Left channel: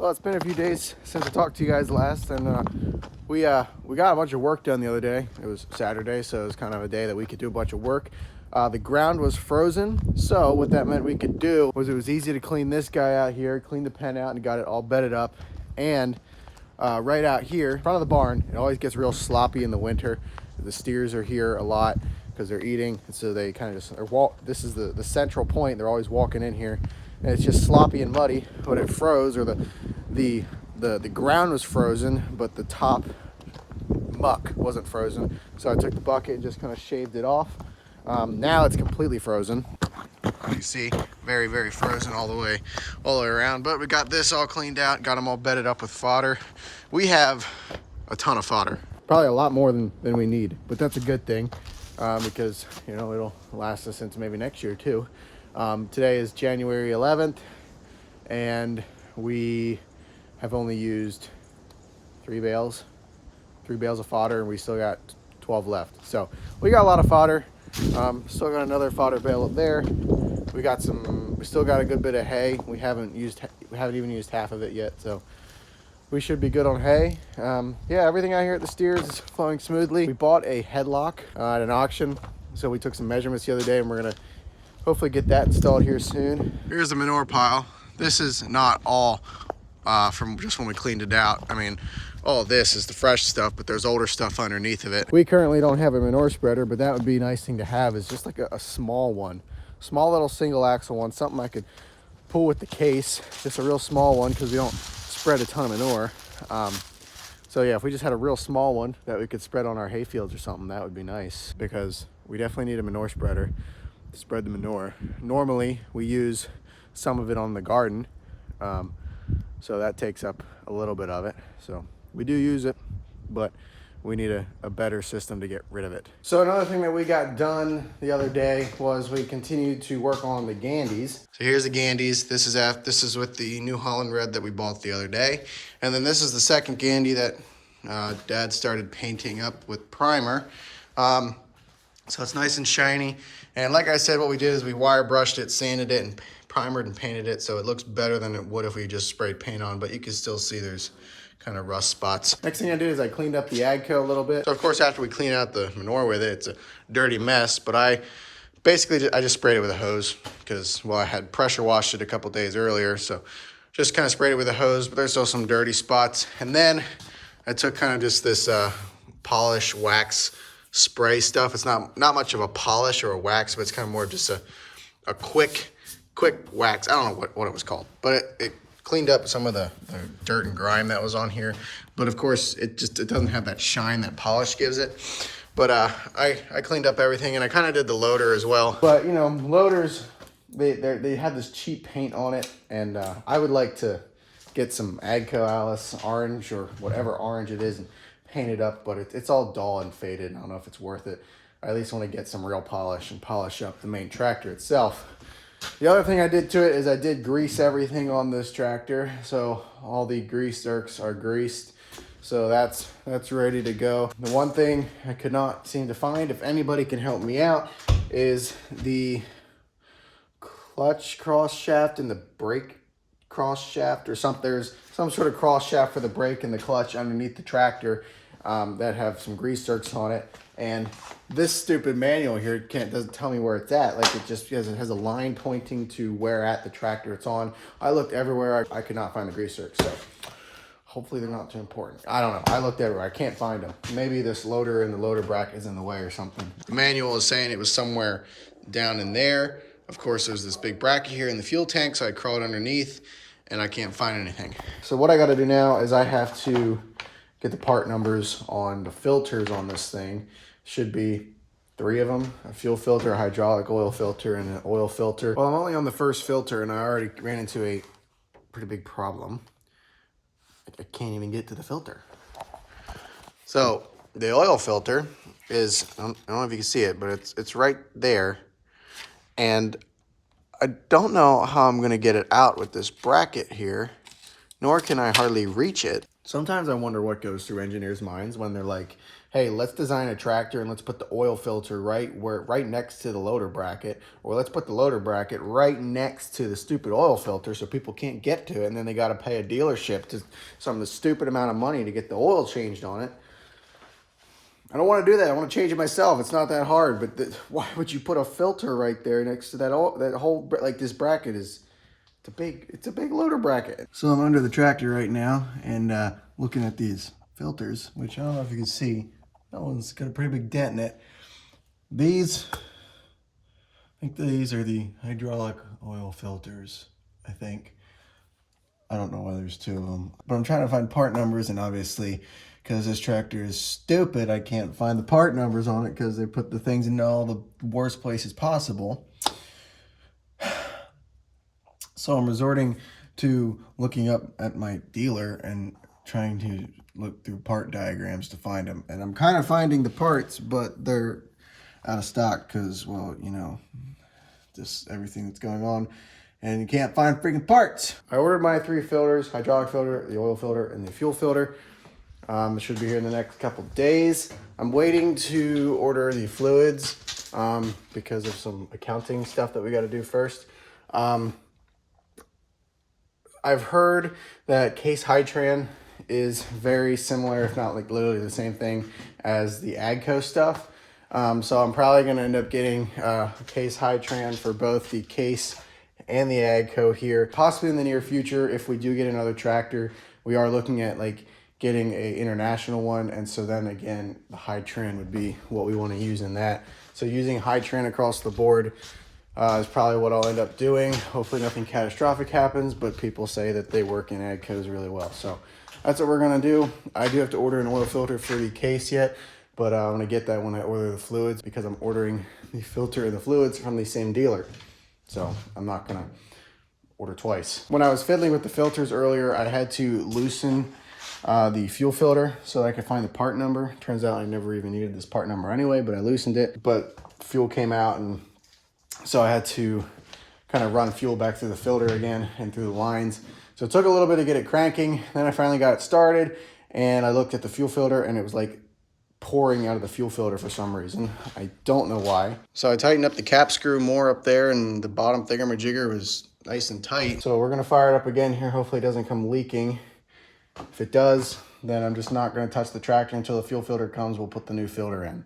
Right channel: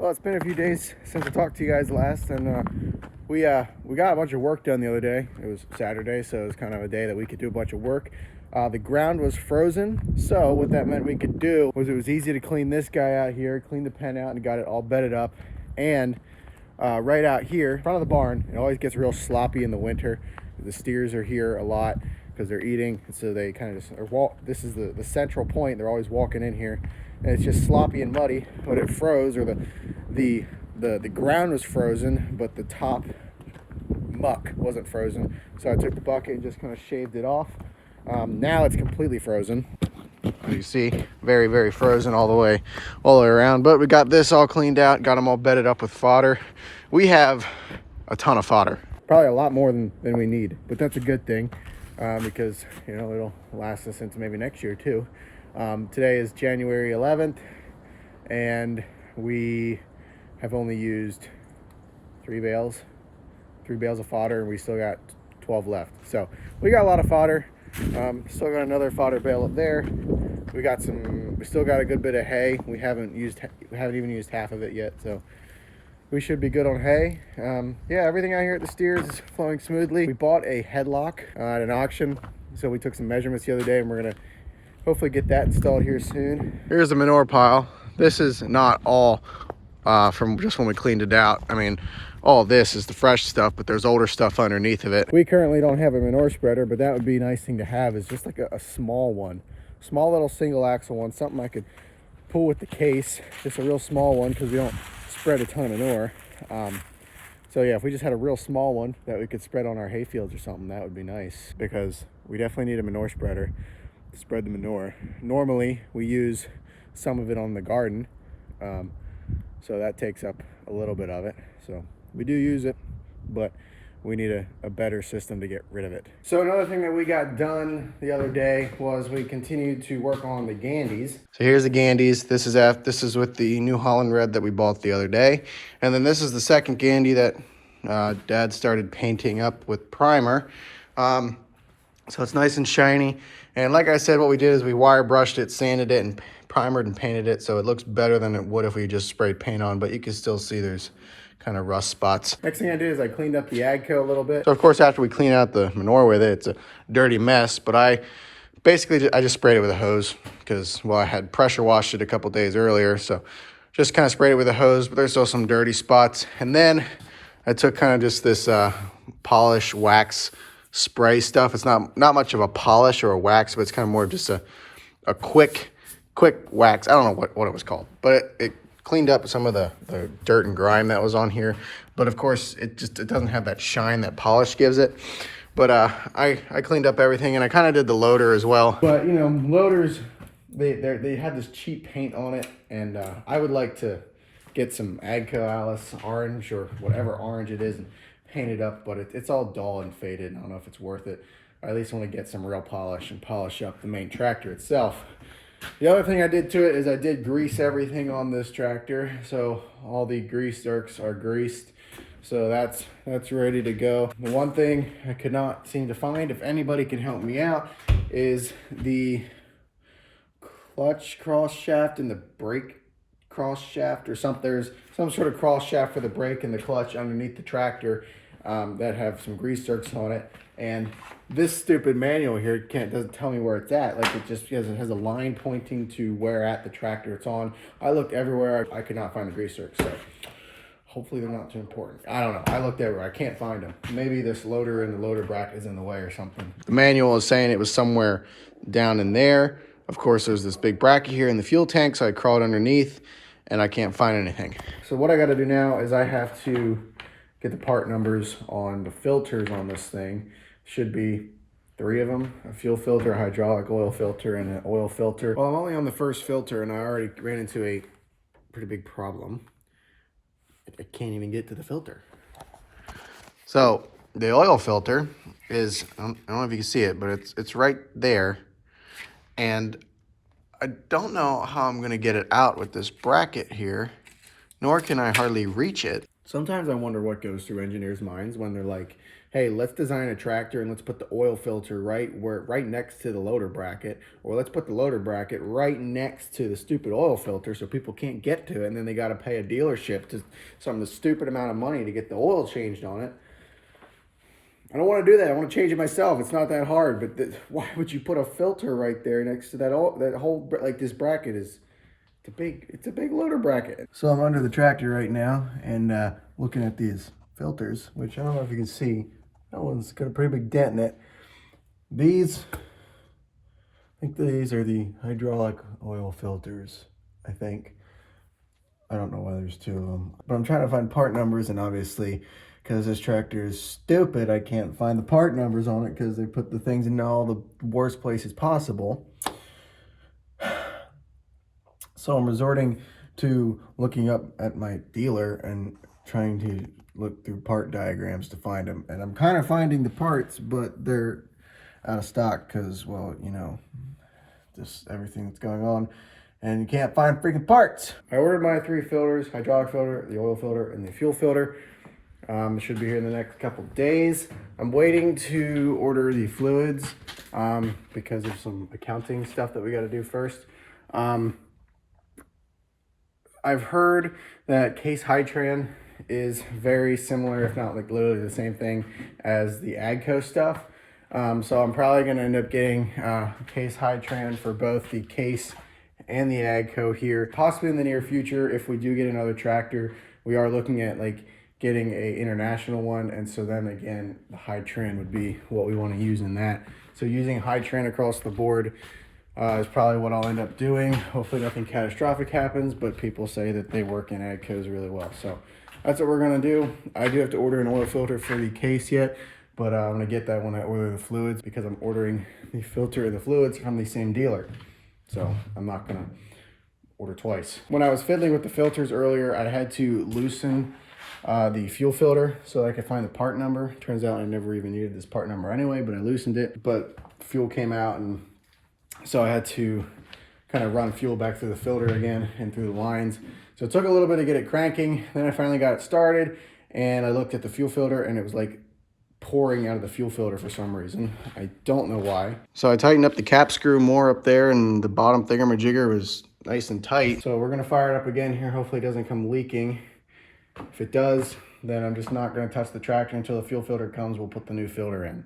Well, it's been a few days since I talked to you guys last, and we got a bunch of work done the other day. It was Saturday, so it was kind of a day that we could do a bunch of work. The ground was frozen, so what that meant we could do was it was easy to clean this guy out here, clean the pen out, and got it all bedded up. And right out here, in front of the barn, it always gets real sloppy in the winter. The steers are here a lot because they're eating, and so they kind of just this is the central point. They're always walking in here, and it's just sloppy and muddy. But it froze, or the ground was frozen, but the top muck wasn't frozen. So I took the bucket and just kind of shaved it off. Now it's completely frozen. As you see, very, very frozen all the way around. But we got this all cleaned out, got them all bedded up with fodder. We have a ton of fodder, probably a lot more than we need, but that's a good thing because, you know, it'll last us into maybe next year too. Today is January 11th, and we have only used 3 bales of fodder, and we still got 12 left. So we got a lot of fodder. Still got another fodder bale up there. We still got a good bit of hay. We haven't even used half of it yet, so we should be good on hay. Yeah, everything out here at the steers is flowing smoothly. We bought a headlock at an auction, so we took some measurements the other day, and we're gonna hopefully get that installed here soon. Here's the manure pile. This is not all from just when we cleaned it out. I mean, all this is the fresh stuff, but there's older stuff underneath of it. We currently don't have a manure spreader, but that would be a nice thing to have, is just like a small one. Small little single axle one, something I could pull with the case. Just a real small one, because we don't spread a ton of manure. So yeah, if we just had a real small one that we could spread on our hay fields or something, that would be nice, because we definitely need a manure spreader to spread the manure. Normally we use some of it on the garden, so that takes up a little bit of it. So we do use it, but we need a better system to get rid of it. So another thing that we got done the other day was we continued to work on the Gandies. So here's the Gandies. This is with the New Holland Red that we bought the other day. And then this is the second Gandy that Dad started painting up with primer. So it's nice and shiny. And like I said, what we did is we wire brushed it, sanded it, and primered and painted it, so it looks better than it would if we just sprayed paint on, but you can still see there's kind of rust spots. Next thing I did is I cleaned up the AGCO a little bit. So of course, after we clean out the manure with it, it's a dirty mess, but I just sprayed it with a hose because, well, I had pressure washed it a couple days earlier, so just kind of sprayed it with a hose, but there's still some dirty spots. And then I took kind of just this polish wax spray stuff. It's not much of a polish or a wax, but it's kind of more of just a quick wax. I don't know what it was called, but it cleaned up some of the dirt and grime that was on here. But of course, it doesn't have that shine that polish gives it. But I cleaned up everything, and I kind of did the loader as well. But you know, loaders, they have this cheap paint on it, and I would like to get some AGCO Allis orange or whatever orange it is and paint it up, but it's all dull and faded. I don't know if it's worth it. I at least want to get some real polish and polish up the main tractor itself. The other thing I did to it is I did grease everything on this tractor. So all the grease zerks are greased. So that's ready to go. The one thing I could not seem to find, if anybody can help me out, is the clutch cross shaft and the brake cross shaft or something. There's some sort of cross shaft for the brake and the clutch underneath the tractor that have some grease zerks on it. And this stupid manual here doesn't tell me where it's at. Like, it has a line pointing to where at the tractor it's on. I looked everywhere. I could not find the grease zerks. So hopefully they're not too important. I don't know. I looked everywhere. I can't find them. Maybe this loader and the loader bracket is in the way or something. The manual is saying it was somewhere down in there. Of course, there's this big bracket here in the fuel tank, so I crawled underneath and I can't find anything. So what I got to do now is I have to get the part numbers on the filters on this thing. Should be 3 of them: a fuel filter, a hydraulic oil filter, and an oil filter. Well, I'm only on the first filter, and I already ran into a pretty big problem. I can't even get to the filter. So the oil filter is, I don't know if you can see it, but it's right there. And I don't know how I'm going to get it out with this bracket here nor can I hardly reach it. Sometimes I wonder what goes through engineers' minds when they're like, hey, let's design a tractor and let's put the oil filter right next to the loader bracket, or let's put the loader bracket right next to the stupid oil filter so people can't get to it, and then they got to pay a dealership to some stupid amount of money to get the oil changed on it. I don't want to do that. I want to change it myself. It's not that hard. But why would you put a filter right there next to that whole, like, this bracket is, it's a big loader bracket. So I'm under the tractor right now and looking at these filters, which I don't know if you can see. That one's got a pretty big dent in it. These, I think these are the hydraulic oil filters, I think. I don't know why there's two of them. But I'm trying to find part numbers, and obviously, because this tractor is stupid, I can't find the part numbers on it because they put the things in all the worst places possible. So I'm resorting to looking up at my dealer and trying to look through part diagrams to find them. And I'm kind of finding the parts, but they're out of stock because, well, you know, just everything that's going on. And you can't find freaking parts. I ordered my 3 filters: hydraulic filter, the oil filter, and the fuel filter. It should be here in the next couple days. I'm waiting to order the fluids because of some accounting stuff that we got to do first. I've heard that Case Hytran is very similar, if not like literally the same thing as the AGCO stuff. So I'm probably going to end up getting Case Hytran for both the Case and the AGCO here, possibly in the near future. If we do get another tractor, we are looking at like getting a international one, and so then again the Hytran would be what we want to use in that. So using Hytran across the board is probably what I'll end up doing. Hopefully nothing catastrophic happens, but people say that they work in AGCOs really well, so that's what we're gonna do. I do have to order an oil filter for the Case yet, but I'm gonna get that when I order the fluids, because I'm ordering the filter and the fluids from the same dealer, so I'm not gonna order twice. When I was fiddling with the filters earlier, I had to loosen the fuel filter so I could find the part number. Turns out I never even needed this part number anyway, but I loosened it, but fuel came out, and so I had to kind of run fuel back through the filter again and through the lines. So it took a little bit to get it cranking. Then I finally got it started, and I looked at the fuel filter, and it was like pouring out of the fuel filter for some reason. I don't know why. So I tightened up the cap screw more up there, and the bottom thingamajigger was nice and tight. So we're gonna fire it up again here. Hopefully it doesn't come leaking. If it does, then I'm just not gonna touch the tractor until the fuel filter comes. We'll put the new filter in.